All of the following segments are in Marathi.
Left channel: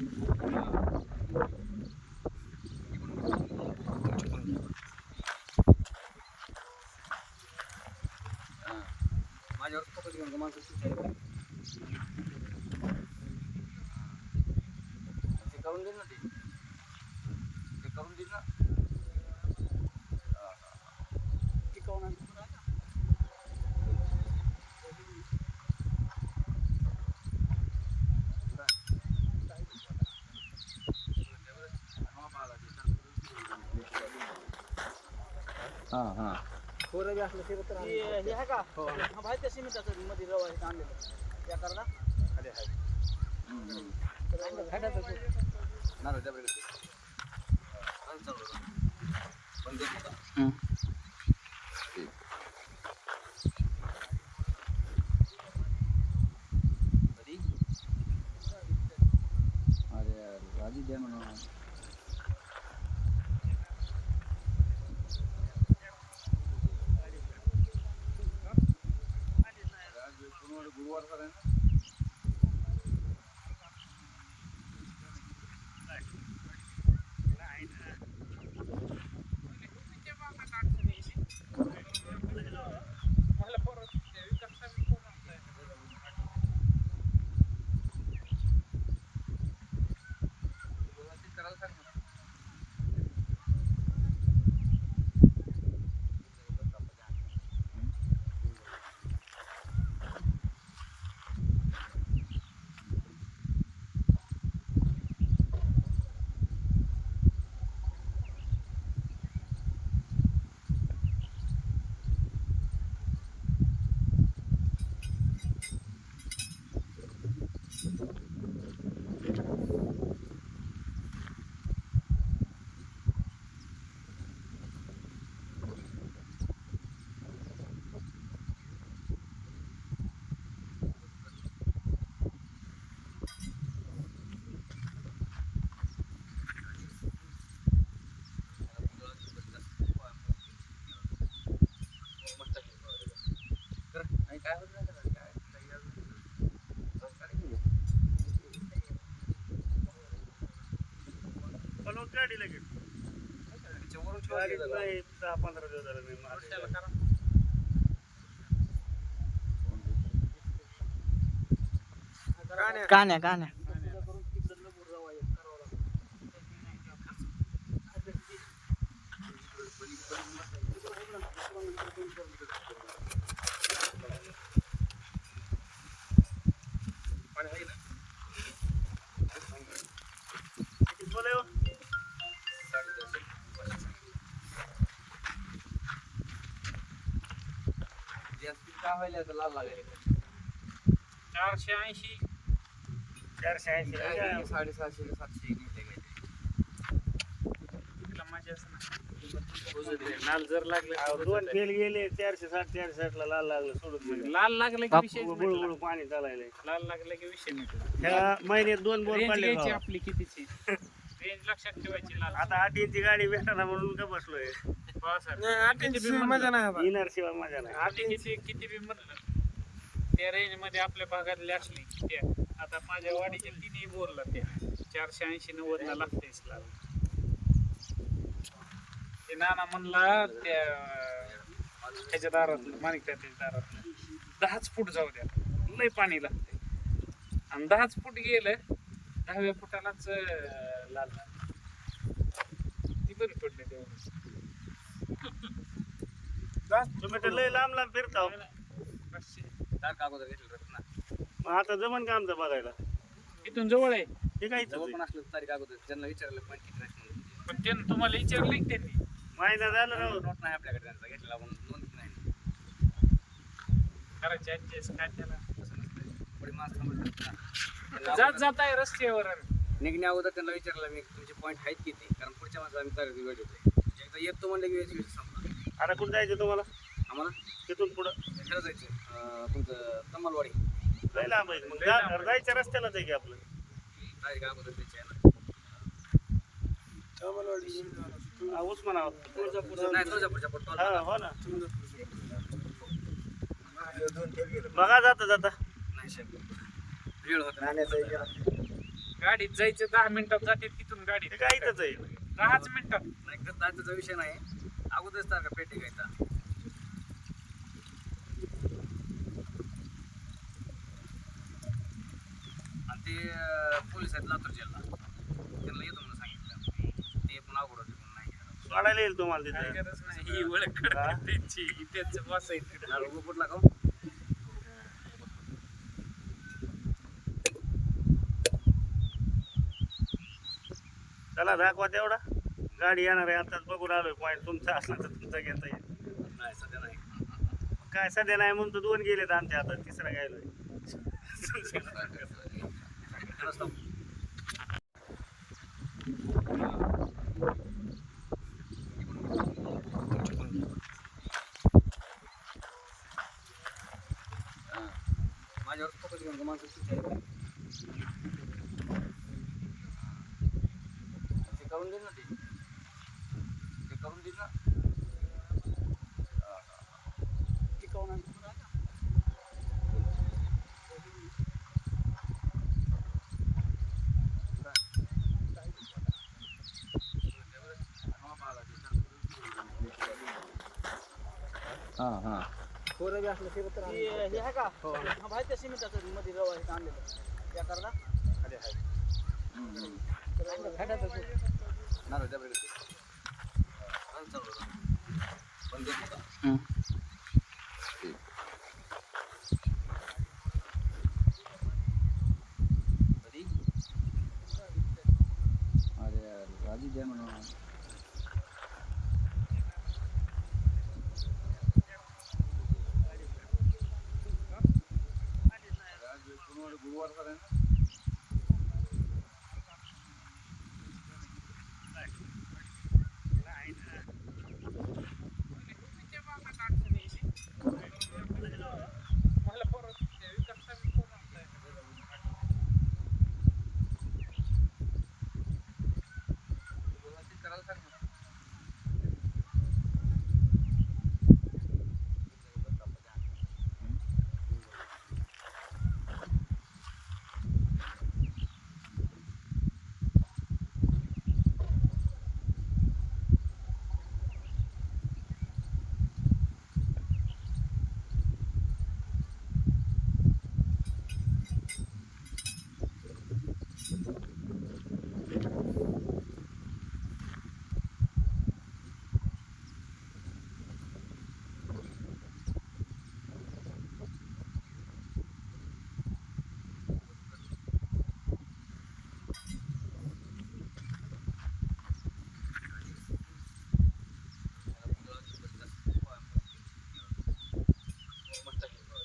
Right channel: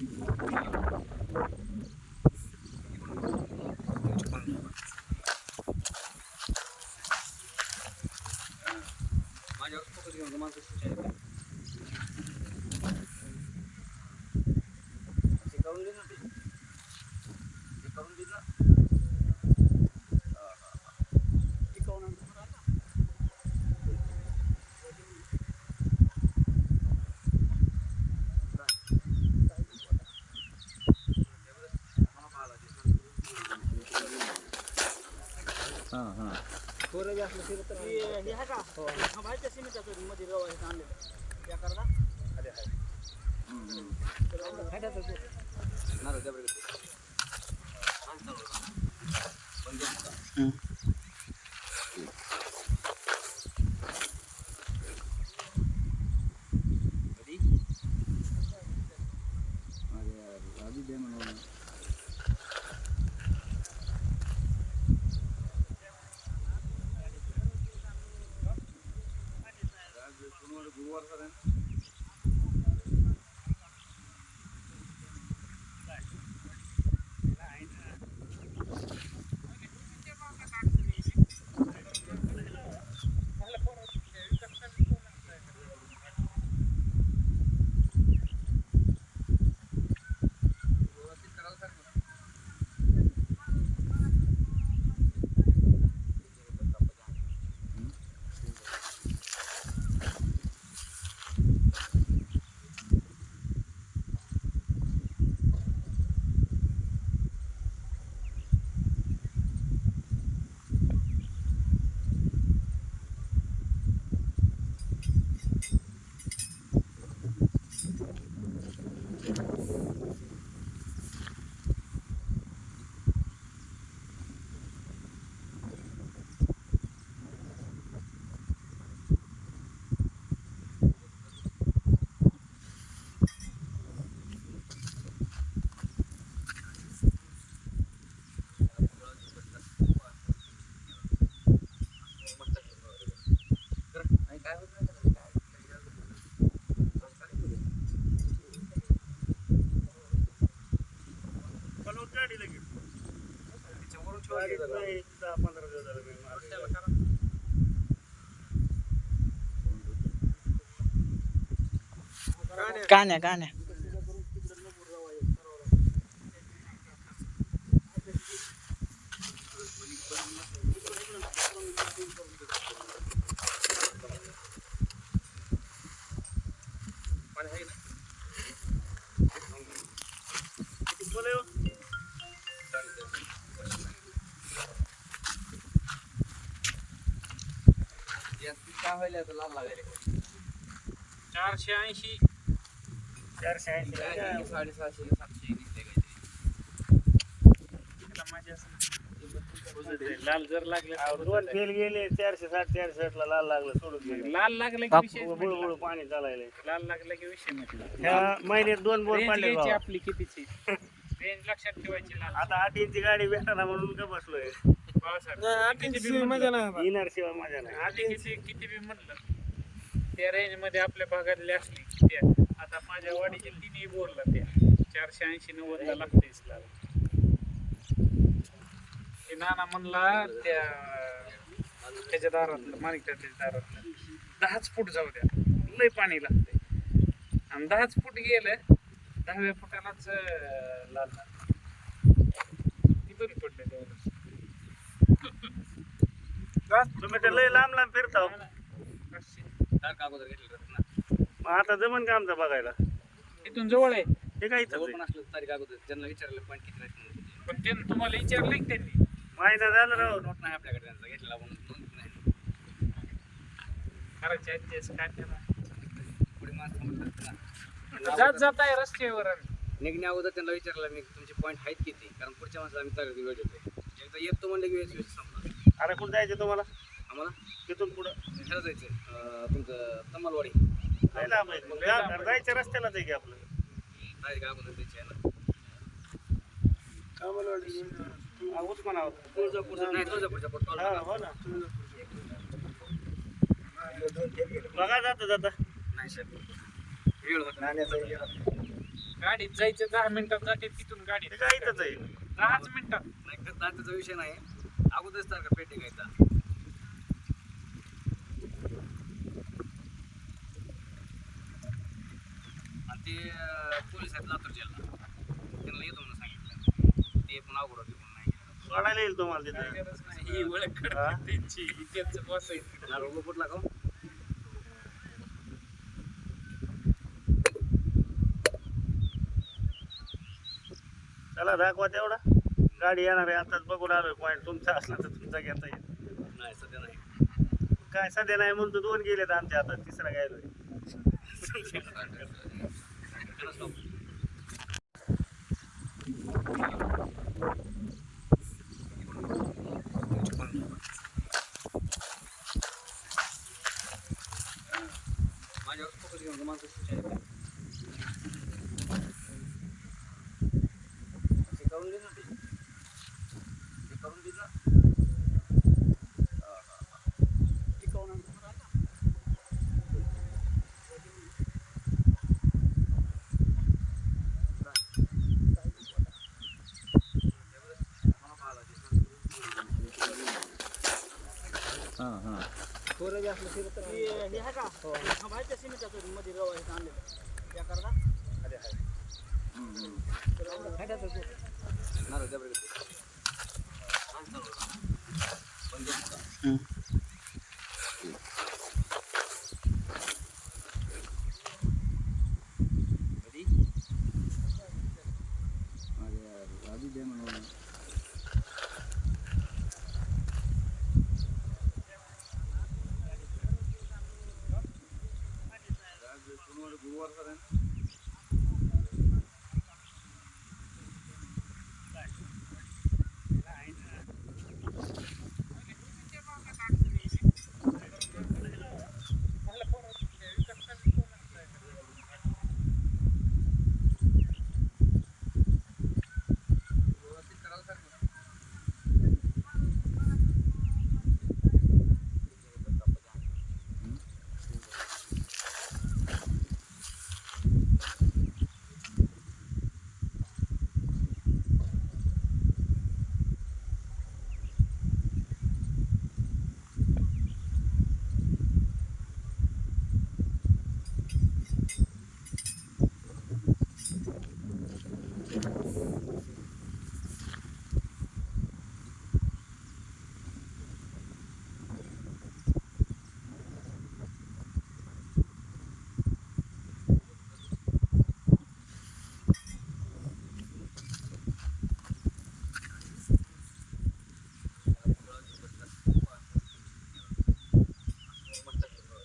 Yo creo que tengo que. हा हा हे हे आहे का हा माहिती आहे सिमेंटाचं मध्ये रवा हे आणलेलं त्या करता फायद्याचं ते. ना रे, जबरदस्त. हा, पलवट गाडी लगेच त्याच्यावरून ठेवायचं गाडीत जरा. नाही दहा पंधरा दिवस झाले मी मारलेलं. कान्या कान्या पण आहे ना. बोला हो. जास्तीत काय व्हायला तर लाल लागायला चारशे ऐंशी. चारशे ऐंशी साडेसहाशे सातशे निघले काहीतरी. लाल जर लागले अहो, दोन फेल गेले चारशे साठ चारशे साठ ला लाल लागलं सोडून लाल लागले की विषय बुळबुळ पाणी चालायलंय. लाल लागले की विषय नाही. ह्या महिन्यात दोन बोर पडले. आपली कितीची? रेंज लक्षात ठेवायची लाल. आता आठ इंची गाडी भेटाना म्हणून का बसलोय? पावसाळ्यात मजा नाही येणार शिवाय माझ्या नाही. आधी किती किती बी म्हणलं त्या रेंजमध्ये आपल्या भागातली असली त्या. आता माझ्या वाडीचे तिन्ही बोलला त्या. चारशे ऐंशी नव्वद ला लागतेच लाल ते नाना म्हणला त्या त्याच्या दारातलं माणिक त्याच्या दारातलं दहाच फूट जाऊ द्या. लय पाणी लागते आणि दहाच फूट गेलं दहाव्या फुटालाच अं, लाल झालं. ती बरी पडले तेवढं. तुम्ही तर लय लांब लांब घेतलं रत्ना मग आता जमन का आमचं बघायला? इथून जवळ आहे. हे काय आहे. पण त्यानं तुम्हाला विचारलं की त्यांनी. महिना झालं राव. नोट नाही आपल्याकडे त्यांचा घेतलेला म्हणून नोंद नाही. करायचे ऍडजस्ट काय त्याला. पुढे मास्तर जात जात आहे रस्त्यावर आम्ही. निघण्या अगोदर त्यांना विचारलं मी तुमचे पॉईंट आहेत किती? कारण पुढच्या माणसाला आम्ही तारीख वेळ एकदा येतो म्हणलं की वीस वीस संपला आता कुठं जायचं तुम्हाला? आम्हाला? तिथून पुढं? ह्याला जायचं तुमचं तम्मालवाडी लय लांब आहे. मग जा- जायच्या रस्त्यालाच आहे की आपलं. तारीख अगोदर द्यायची आहे ना हा, उस्मानाबाद तुळजापूरचं नाही तुळजापूरच्या हा हो ना. बघा जाता जाता. नाही साहेब वेळ होता गाडीत जायचं दहा मिनिटात जाते तिथून गाडी ते काय इथंच आहे. दहाच मिनिटात नाही दाताचा विषय नाही. अगोदरच तर का पेटी घ्यायचा? आणि ते पोलीस आहेत लातूर जिल्हा. त्यांना येतो म्हणून सांगितलं. ते पण अवघड होते पण नाही. सोडायला येईल तुम्हाला तिथं. गरज नाही ही ओळख? त्यांची इथेच बसायचं. हा, कुठला का चला दाखवा तेवढा. गाडी येणार आहे आताच बघून आलोय पॉईंट तुमचा असला तर तुमचा घेता येईल. नाही सध्या नाही. काय सध्या नाही म्हणून तर दोन गेलेत आमच्या हातात तिसरा गायलोय खरंच सांगू. माझ्यावर फोकस घेऊन माणसं खुश आहेत. ते करून दे ना ते. ते करून दे ना. ते करून आण. हां हां खोरं बी असलं शिरत तर हे हे आहे का हा बाहेर त्या सिमेंटाचं मध्ये रवा आहे आणलेलं त्या करता नारळ द्या बरं. हा, चालू राहा. बंद करू का? कधी? अरे यार, गाडी द्या म्हणून. आज गुरुवार गुरुवारचा आहे ना? व्यवस्थित करायला सांग ना.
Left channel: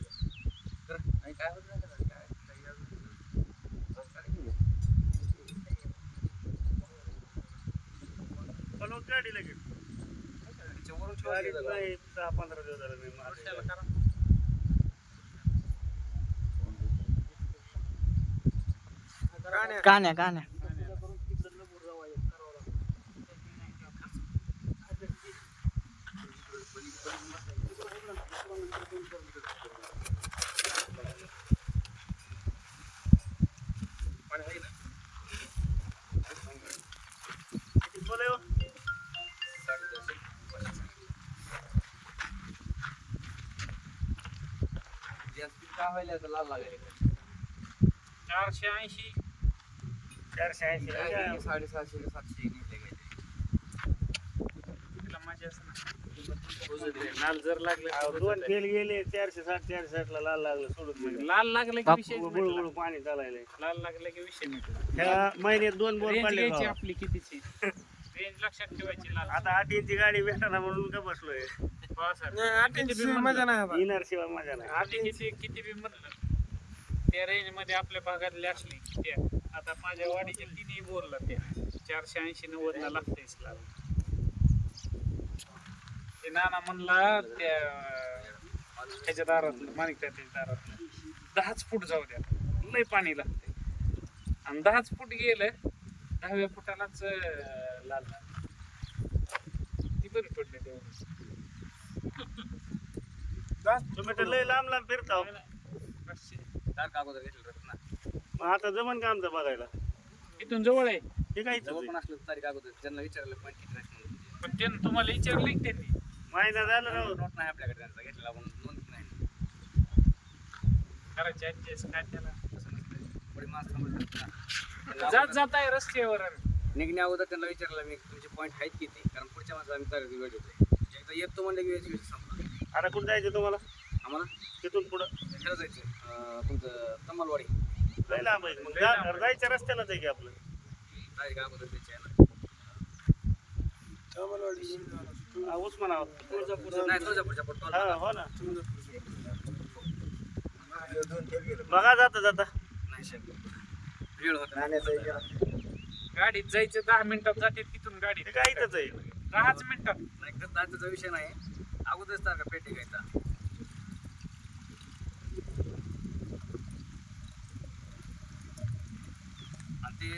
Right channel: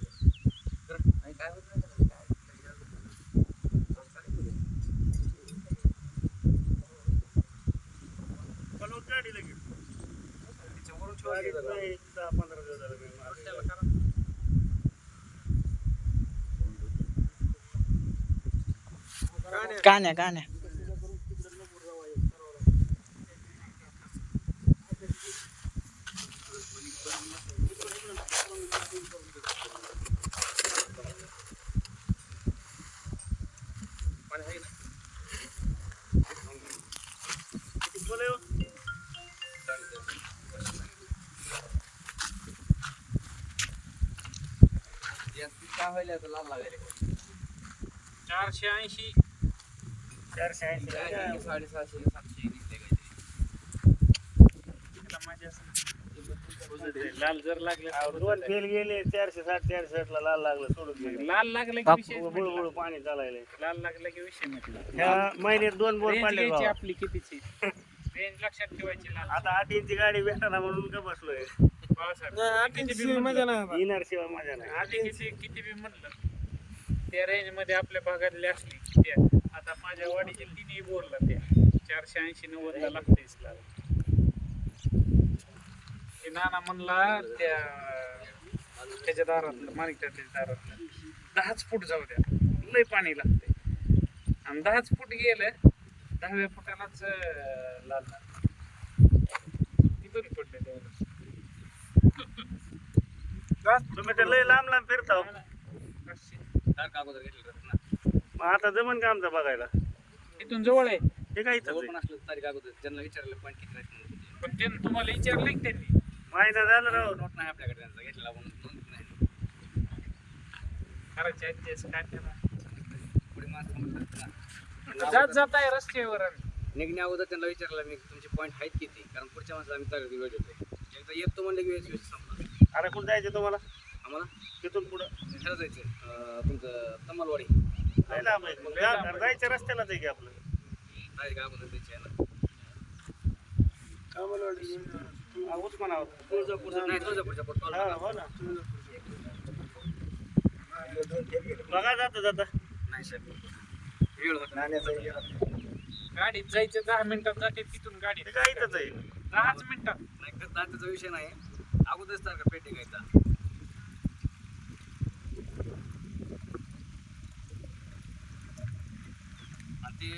नाही, काय होत नाही त्याला, काय- बनवत गाडी लगेच त्याच्यावरून ठेवा गाडीत की जरा. नाही दहा पंधरा दिवस झाले मी मारलेलं. कान्या कान्या पण आहे ना. बोला हो. जास्त काय व्हायला आता लाल लागायला चारशे ऐंशी. चारशे ऐंशी. साडेसहाशे सातशे. लाल जर लागले अहो, दोन फेल गेले चारशे साठ चारशे साठ ला लाल लागलं सोडून लाल लागले की विषय बुळ बुळ पाणी चालायलंय. लाल लागले की विषय नाही ह्या महिन्यात दोन बोर पडले. आपली कितीची? रेंज लक्षात ठेवायची लाल. आता आठ इंची गाडी भेटाना म्हणून का बसलोय? पावसाळ्यात मजा नाही येणार शिवाय मजा नाही. आठ इंची किती बी म्हणलं त्या रेंजमध्ये आपल्या भागातली असली त्या. आता माझ्या वाडीच्या तिन्ही बोरला त्या? चारशे ऐंशी नव्वद ला लागतेच लाल ते नाना म्हणला त्या त्याच्या दारातलं माणिक त्याच्या दारातलं दहाच फूट जाऊ द्या. लय पाणी लागते आणि दहाच फूट गेलं दहाव्या फुटालाच लाल झालं. ती बरी पडले तेवढं तुम्ही तर लय लांब लांब फिरता हो. मग आता जमन का आमचं बघायला? इथून जवळ आहे. हे काय इथंच आहे? पण त्यानं तुम्हाला विचारलं की त्यांनी. महिना झाला राव. नोट नाही आपल्याकडे त्यांचा घेतला म्हणून नोंद नाही. करायचे ऍडजस्ट काय त्याला. जात जात आहे रस्त्यावर आम्ही. निघण्या अगोदर त्यांना विचारलं मी तुमचे पॉईंट आहेत किती? कारण पुढच्या माणसाला आम्ही तारीख वेळ देतोय. एकदा येतो म्हणलं की विषय संपला अरे कुठं जायचं तुम्हाला? आम्हाला तिथून पुढं. ह्याला जायचं अं, तुमचं तमालवाडी. लय लांब आहे. मग जा- जायच्या रस्त्यालाच आहे की आपलं? तारीख अगोदर द्यायची आहे ना हा, उस्मानाबाद तुळजापूरचं नाही तुळजापूरच्या हा हो ना. बघा जाता जाता. नाही शेट वेळ होता गाडीत जायचं दहा मिनिटात जाते तिथून गाडी काय इथंच आहे? दहाच मिनिटात. नाही का त्याचा विषय नाही. अगोदरच तारखा पेटी घ्यायचा ते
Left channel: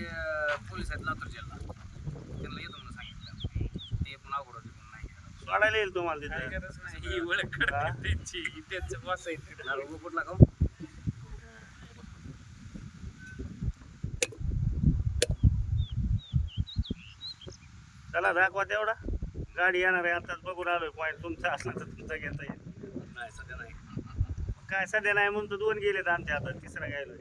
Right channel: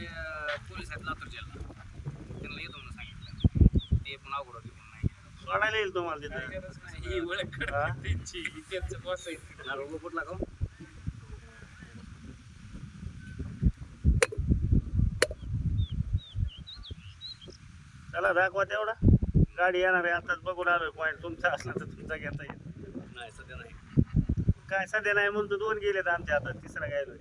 पोलीस आहेत लातूर जिल्हा त्यांना येतो म्हणून सांगितलं. ते पण अवघड होते पण नाही सोडायला येईल तुम्हाला काय तिथं. गरज नाही ही ओळख? त्यांची त्यांचं बसायचं नारळ कुठला का चला दाखवा तेवढा. गाडी येणार आहे आताच बघून आलोय पॉईंट तुमचा असला तर तुमचा घेता येईल. नाही सध्या नाही. काय सध्या नाही म्हणून तर दोन गेलेत आमच्या हातात तिसरा गायलोय.